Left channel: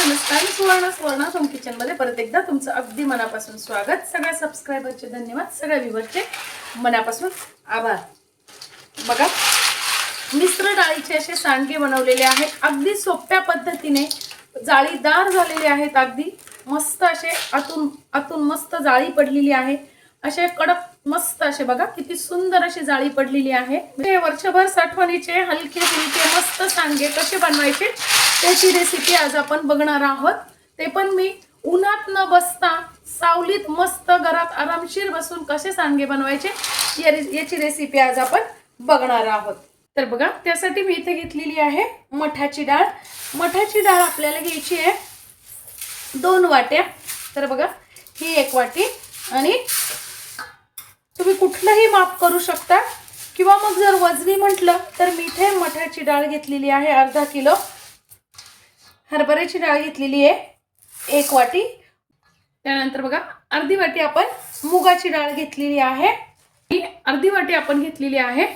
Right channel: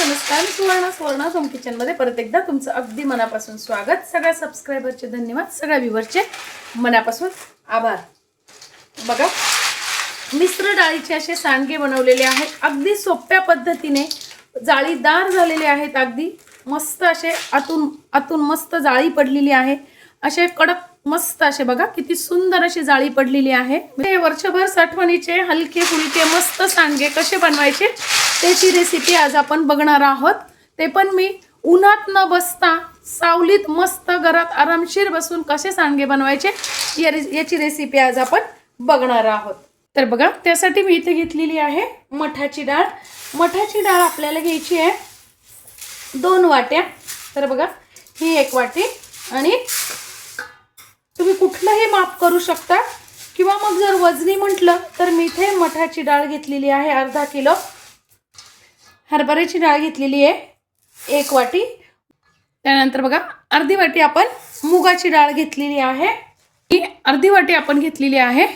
नमस्कार. Suvarna home kitchen मध्ये परत एकदा तुमचं अगदी मनापासून स्वागत. सगळ्या सबस्क्रायबरचे धन्यवाद, सगळ्या व्ह्यूअरचे मनापासून आभार. बघा, मिश्र डाळीचे असे सांडगे बनवलेले आहेत, अगदी सोप्या पद्धतीने, जाळीदार झालेले आहेत, अगदी मस्त असे आतून मस्त जाळी पडलेली आहे, असे कडक मस्त असे बघा किती सुंदर अशी जाळी पडलेली आहे. म्हणजे वर्षभर साठवणीचे हलके फुलके मस्त सांडगे कसे बनवायचे त्याची रेसिपी आज आपण बघणार आहोत. ते पण मी उन्हात न बसता सावलीत मस्त घरात आरामशीर बसून कसे सांडगे बनवायचे याची रेसिपी आज आपण बघणार आहोत. तर बघा, त्यासाठी मी इथे घेतलेली आहे मठाची डाळ. मठाची डाळ आपल्याला घ्यायची आहे 2 वाट्या. तर बघा, ही 1 वाटी आणि तुम्ही कुठलंही माप करू शकता, किंवा मग जर वजनी म्हटलं तर मी इथे मठाची डाळ घेतलेली आहे अर्धा किलो. हरभऱ्याची डाळ घेतलेली आहे 1 वाटी. त्यानंतर बघा, अर्धी वाटी आपण मुगाची डाळ घेतलेली आहे. ही अर्धी वाटी आपण घेतलेली आहे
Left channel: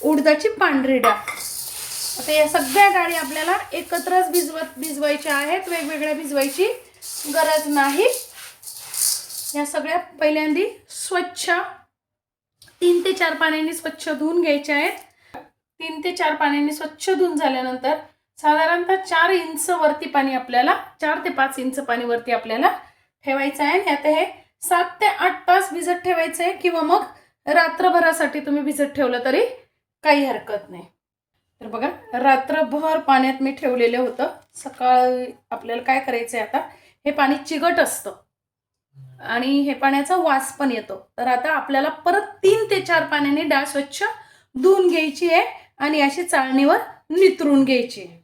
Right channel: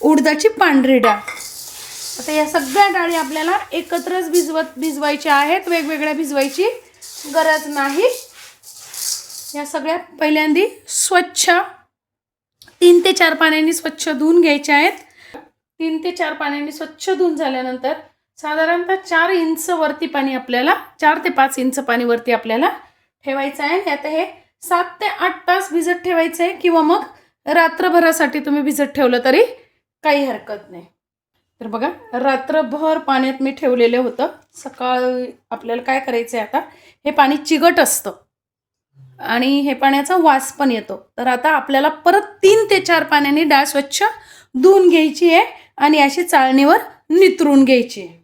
उडदाची पांढरी डाळ. आता या सगळ्या डाळी आपल्याला एकत्रच भिजवायच्या आहेत, वेगवेगळ्या भिजवायची गरज नाही. या सगळ्या पहिल्यांदा स्वच्छ 3 ते 4 पाण्याने स्वच्छ धुवून घ्यायच्या आहेत. 3 ते 4 पाण्याने स्वच्छ धुवून झाल्यानंतर साधारणतः 4 इंच वरती पाणी आपल्याला 4 ते 5 इंच पाणी वरती आपल्याला ठेवायचं आहे. आता हे 7 ते 8 तास भिजत ठेवायचं आहे, किंवा मग रात्रभरासाठी तुम्ही भिजत ठेवलं तरी काही हरकत नाही. तर बघा, रात्रभर पाण्यात मी ठेवलेलं होतं. सकाळी आपल्याला काय करायचं आहे, आता हे पाणी चिकट असतं आणि हे पाण्याचा वास पण येतो. तर आता आपल्याला परत 3 ते 4 पाण्याने डाळ स्वच्छ धुवून घ्यायची आहे आणि अशी चाळणीवर नितरून घ्यायची आहे.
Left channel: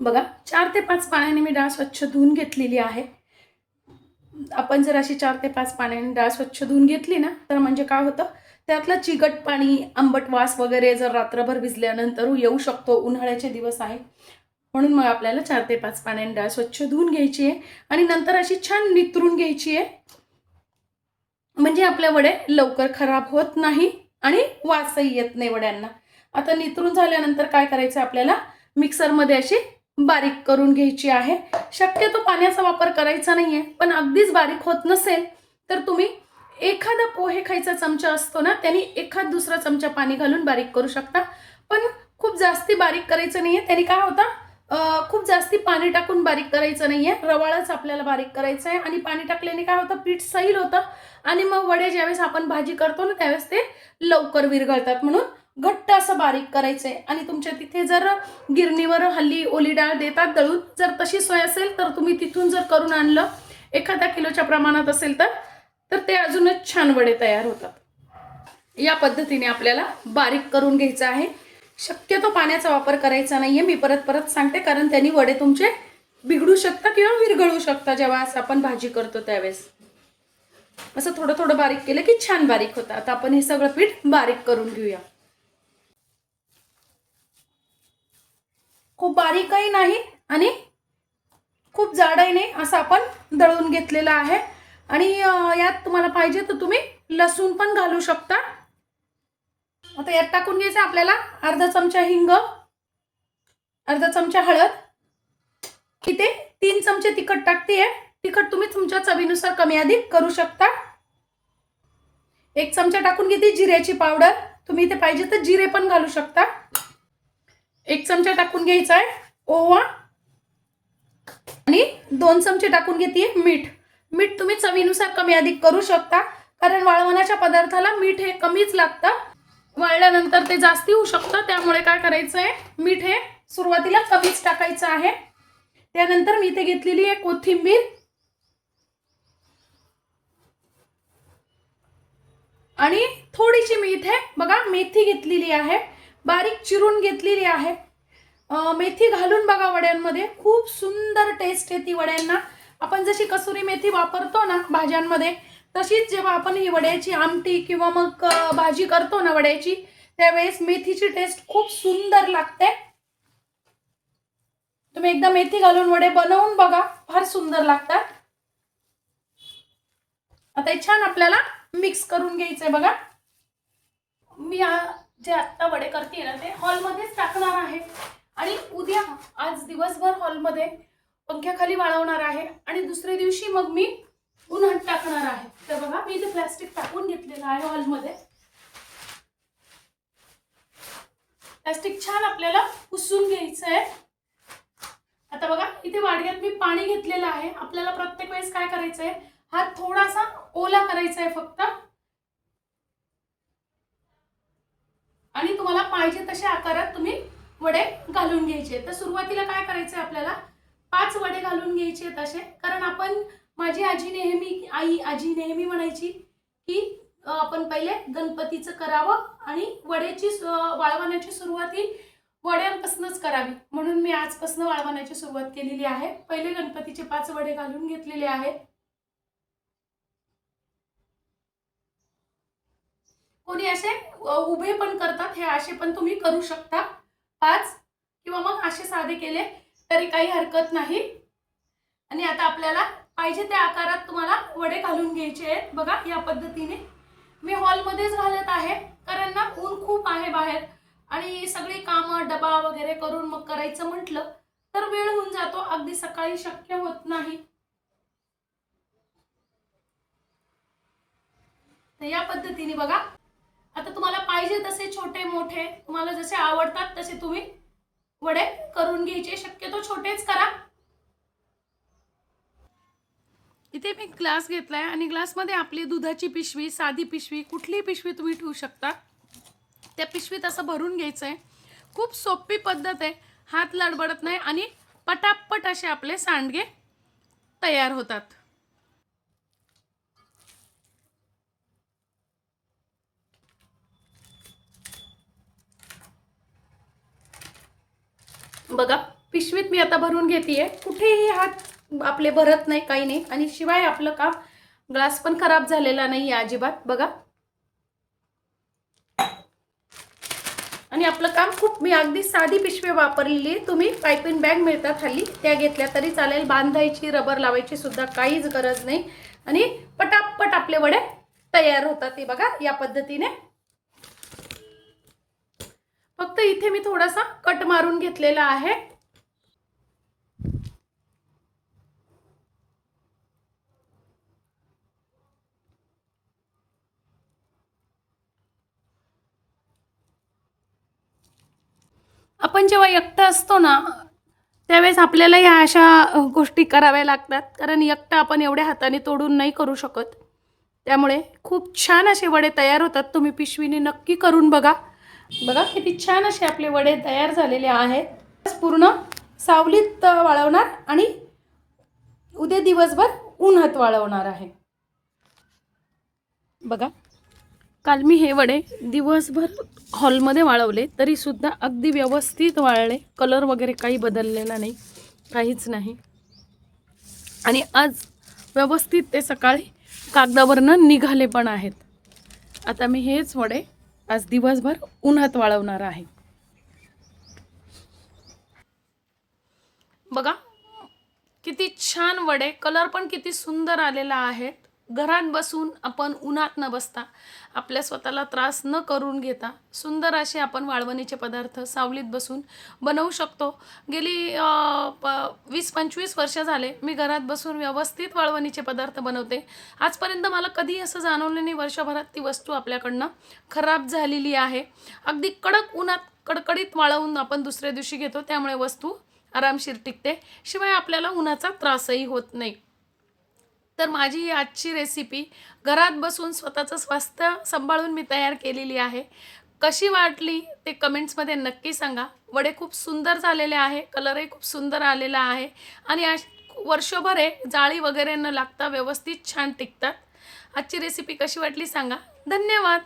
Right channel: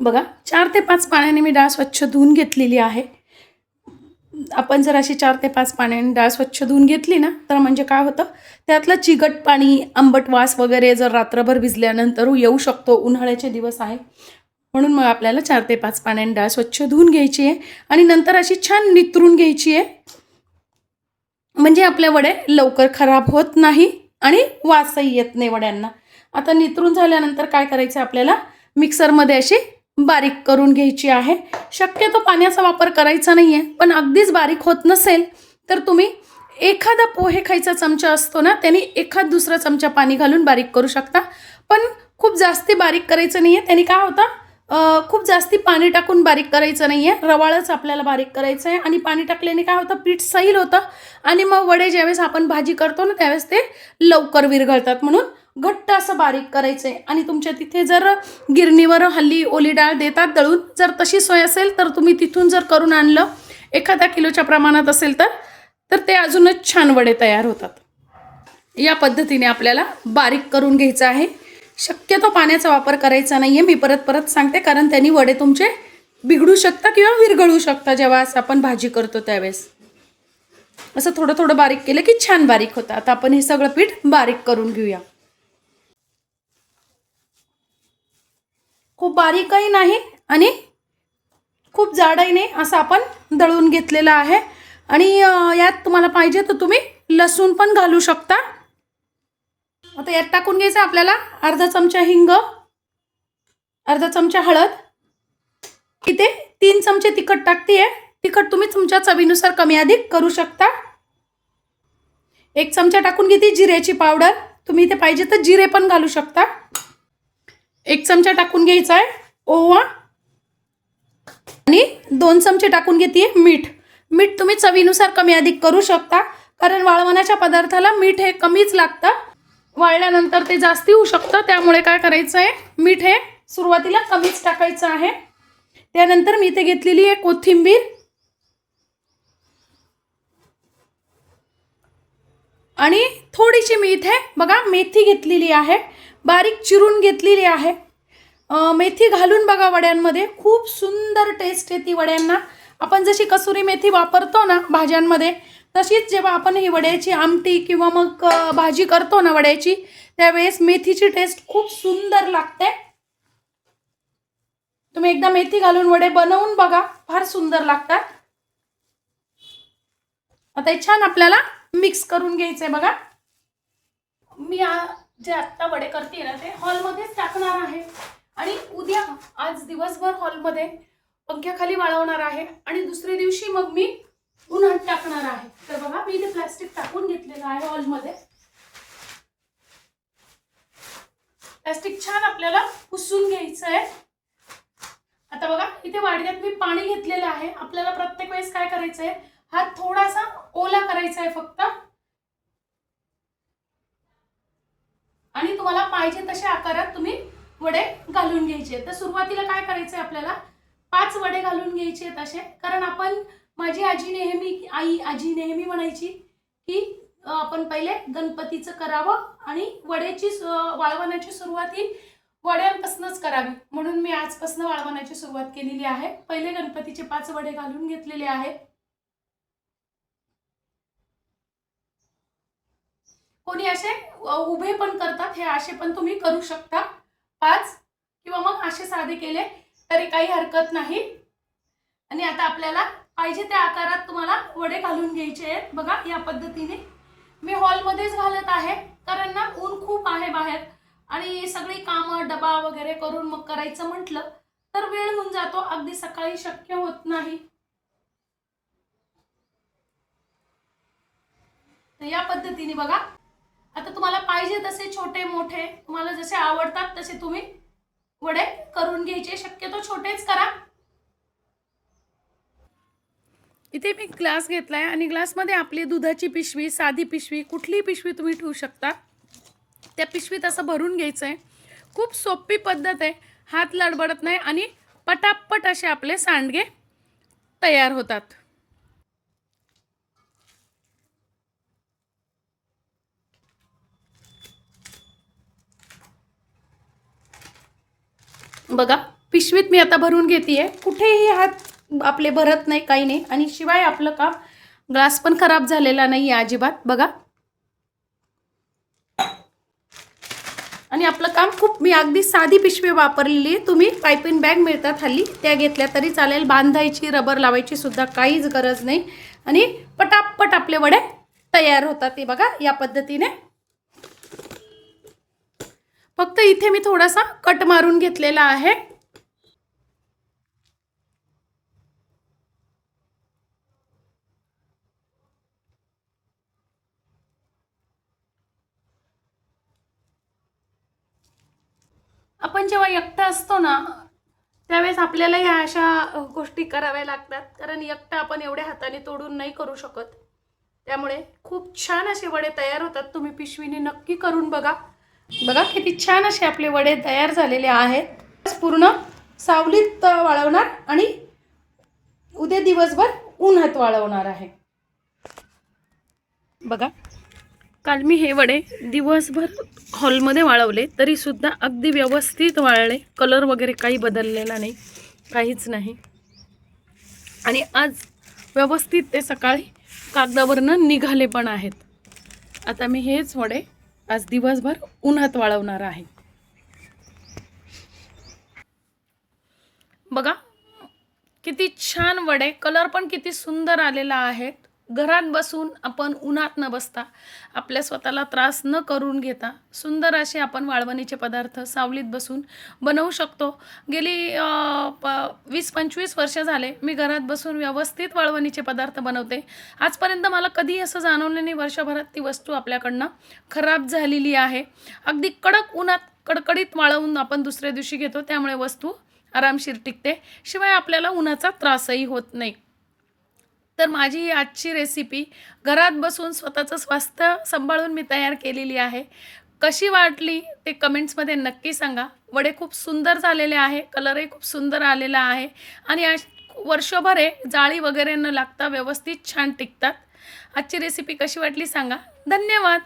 बघा, 4 ते 5 पाण्याने मी डाळ स्वच्छ धुवून घेतलेली आहे. आपण जर अशी 4 ते 5 पाण्याने डाळ स्वच्छ धुवून घेतली ना, तर म्हणजे काय होतं, त्यातलं चिकट पाणी, आंबट वास वगैरे जर रात्रभर भिजल्यानंतर येऊ शकतो. उन्हाळ्याचे दिवस आहे म्हणून मग आपल्याला 4 ते 5 पाण्याने डाळ स्वच्छ धुवून घ्यायची आहे आणि नंतर अशी छान नितरून घ्यायची आहे. म्हणजे आपल्या वडे लवकर खराब होत नाही आणि वासही येत नाही वड्यांना. आता नितरून झाल्यानंतर काय करायचं, आपल्याला मिक्सरमध्ये अशी बारीक करून घ्यायची आहे. शक्यतो पाण्याचा वापर करायचा नाही आहे, पण अगदीच बारीक होत नसेल तर तुम्ही एखादा पोहे खायचा चमचा असतो ना, त्याने एखाद दुसरा चमचा पाणी घालून बारीक करू शकता. पण खूप जास्ती बारीक करायचं नाही आहे. त्याने काय होतं, खूप जास्ती पाणी टाकून बारीक करायचं नाही आहे, रवाळच आपल्याला बारीक करायचं आहे. आणि पाणी टाकल्याने काय होतं, पीठ सैल होतं आणि मग वडे ज्यावेळेस आपण भाजी करतो ना त्यावेळेस ते लवकर विरघळतात. म्हणून घट्ट असं बारीक करायचं आहे. आणि तुमच्या तिथे जर गिरणीवर हल्ली ओली डाळ देतात दळून, जर तशी सोय असेल तर तुम्ही तिथून जर करून आणलं, एखाद्या किलोच्या प्रमाणात असेल तर ते अजूनच छान वडे तयार होतात. या पद्धतीने आपल्याला बारीक करून घ्यायचं आहे. शक्यतो पाण्याचा वापर करायचा नाही आहे, मी परत सांगते, कारण त्यांनी वडे तुमचे बिघडू शकतात किंवा विरघळू शकतात जेव्हा असं आपण भाजी करतो त्यावेळेस. असं थोडं थोडं बारीक केलं की छान बारीक होतं. आता आपण हे सगळं पीठ बारीक करून घेऊया. खूप बारीकही नाही आणि खूप जाडही नाही, असं आपण दळून घेतलेलं आहे. आणि यात तुम्हाला पाहिजे तर तुम्ही लसूण पण घालू शकता. आता यात टाकून घ्यायचं आपल्याला अर्धा चमचा हिंग, अर्धा चमचा हळद, इथे 3 चमचे तिखट टाकते. तिखट तुम्ही तुमच्या चवीनुसार कमी अधिक करू शकता. 1 चमचा टाकून घेते जिऱ्याची पावडर, तुम्ही इथे पाहिजे तर जिरे पण घालू शकता. 1 चमचा टाकून घ्यायचा आहे ओवा आणि 2 चमचे टाकून घेते मीठ. मीठ तुम्ही चवीनुसार कमी अधिक करू शकता, कारण वाळवण्याच्या पदार्थाला मीठ हे कमीच लागतं. वाळल्यानंतर ते जास्ती होऊ शकतं, त्यामुळे काय करायचं आहे, मीठ हे सुरुवातीला कमीच टाकायचं आहे. त्यानंतर मी इथे घेतलेली आहे कोथिंबीर आणि थोडीशी मी इथे बघा मेथी घेतलेली आहे, बारीक चिरून घेतलेली आहे. मेथी घालून बघा वड्यांमध्ये, खूप सुंदर टेस्ट येते वड्यांना. आपण जशी कसुरी मेथी वापरतो ना भाज्यांमध्ये, तशीच जेव्हा आपण ही वड्याची आमटी किंवा मग भाजी करतो ना वड्याची, त्यावेळेस मेथीची टेस्ट खूप सुंदर लागते. तुम्ही एकदा मेथी घालून वडे बनवून बघा, फार सुंदर लागतात. आता हे छान आपल्याला मिक्स करून घ्यायचंय. बघा, मी जे आत्ता वडे करते ना ते हॉलमध्येच टाकणार आहे. आणि उद्या आज दिवसभर हॉलमध्ये पंख्याखाली वाळवणार आहे आणि दुसऱ्या दिवशी मग मी उन्हात टाकणार आहे. तर बघा मी इथे प्लास्टिक टाकून घेतलेलं आहे हॉलमध्ये. प्लास्टिक छान आपल्याला पुसून घ्यायचं आहे. आता बघा इथे वाडग्यात मी पाणी घेतलेलं आहे. आपल्याला प्रत्येक वेळेस काय करायचं आहे, हात थोडासा ओला करायचा आहे फक्त आणि तुम्हाला पाहिजे तशा आकारात तुम्ही वडे घालून घ्यायचे. तर सुरुवातीला काय करायचं आहे, आपल्याला 5 वडे घालून घ्यायचे तसे. कारण आपण माझी आजी नेहमी म्हणायची की आपण पहिले गणपतीचं करावं आणि वड्याची वाळवण्याची सुरुवात ही वड्यांपासूनच करावी. म्हणून मी आजपासून वाळवण्याची सुरुवात केलेली आहे. पहिले गणपतीचे 5 वडे घालून घेतलेले आहेत. कोणी असे उभे पण करतात, हे असे पण तुम्ही करू शकता 5, किंवा मग असे साधे केले तरी काही हरकत नाही. आणि आता आपल्याला पाहिजे त्या आकारात तुम्हाला वडे घालून घ्यायचे आहेत. बघा या पद्धतीने मी हॉलमध्येच घालत आहे, कारण ना ऊन खूप आहे बाहेर आणि सगळी कामं डबा वगैरे करून मग करायचं म्हटलं तर वेळ होऊन जातो, अगदी सकाळी शक्य होत नाही. तर या पद्धतीने बघा, आता तुम्हाला पाहिजे तसे छोटे मोठे तुम्हाला जसे आवडतात तसे तुम्ही वडे करून घ्यायचे. शक्यतो छोटेच करा. इथे मी ग्लास घेतलाय आणि ग्लासमध्ये आपली दुधाची पिशवी, साधी पिशवी, कुठलीही पिशवी तुम्ही ठेवू शकता. त्या पिशवीत असं भरून घ्यायचं आहे. खूप सोपी पद्धत आहे, हात लडबडत नाही आणि पटापट असे आपले सांडगे तयार होतात. बघा पिशवीत मी आता भरून घेतेय. कुठेही हात आपले भरत नाही, काही नाही. आणि शिवाय आपलं काम ग्लास पण खराब झालेला नाही अजिबात. बघा आणि आपलं काम खूप, मी अगदी साधी पिशवी वापरलेली आहे. तुम्ही पायपिंग बॅग मिळतात हल्ली, त्या घेतल्या तरी चालेल. बांधायची, रबर लावायची सुद्धा काहीच गरज नाही आणि पटापट आपले वडे तयार होतात. ते बघा या पद्धतीने. फक्त इथे मी थोडासा कट मारून घेतलेला आहे. आपण जेव्हा एकटं असतो ना त्यावेळेस आपल्याला या अशा गोष्टी कराव्या लागतात, कारण एकटं आपण एवढ्या हाताने तोडून नाही करू शकत. त्यामुळे खूप छान असे वडे तयार होतात. तुम्ही पिशवीने नक्की करून बघा. बघा किती छान असे आपले वडे तयार झालेले आहेत. पूर्ण सावलीत वाळवणार आणि उद्या दिवसभर उन्हात वाळवणार आहे. बघा काल मी हे वडे दिवसभर हॉलमध्ये वाळवले तरी सुद्धा अगदी व्यवस्थित वाळले. कलर वगैरे काही बदललेला नाही, काहीच नाही. आणि आज व्यवस्थित ते सकाळी कागदावरनं निघाले पण आहेत. आता मी हेच वडे आज दिवसभर उन्हात वाळवणार आहे. बघा किती छान वडे, कलर पण किती सुंदर आलेला आहे. घरात बसून आपण उन्हात न बसता, आपल्या स्वतःला त्रास न करून घेता सुंदर असे आपण वाळवणीचे पदार्थ सावलीत बसून बनवू शकतो. गेली 20-25 वर्ष झाले मी घरात बसून व्यवस्थित वाळवणीचे पदार्थ बनवते. आजपर्यंत मला कधी असं जाणवलं नाही वर्षभरात ती वस्तू आपल्याकडनं खराब झालेली आहे. अगदी कडक उन्हात कडकडीत वाळवून आपण दुसऱ्या दिवशी घेतो, त्यामुळे वस्तू आरामशीर टिकते. शिवाय आपल्याला उन्हाचा त्रासही होत नाही. तर माझी ही आजची रेसिपी घरात बसून स्वतःचं स्वास्थ्य सांभाळून मी तयार केलेली आहे. कशी वाटली ते कमेंट्समध्ये नक्की सांगा. वडे खूप सुंदर झालेले आहे, कलरही खूप सुंदर आलेला आहे आणि वर्षभर जाळी वगैरे न लागता व्यवस्थित छान टिकतात. आजची रेसिपी कशी वाटली सांगा. धन्यवाद.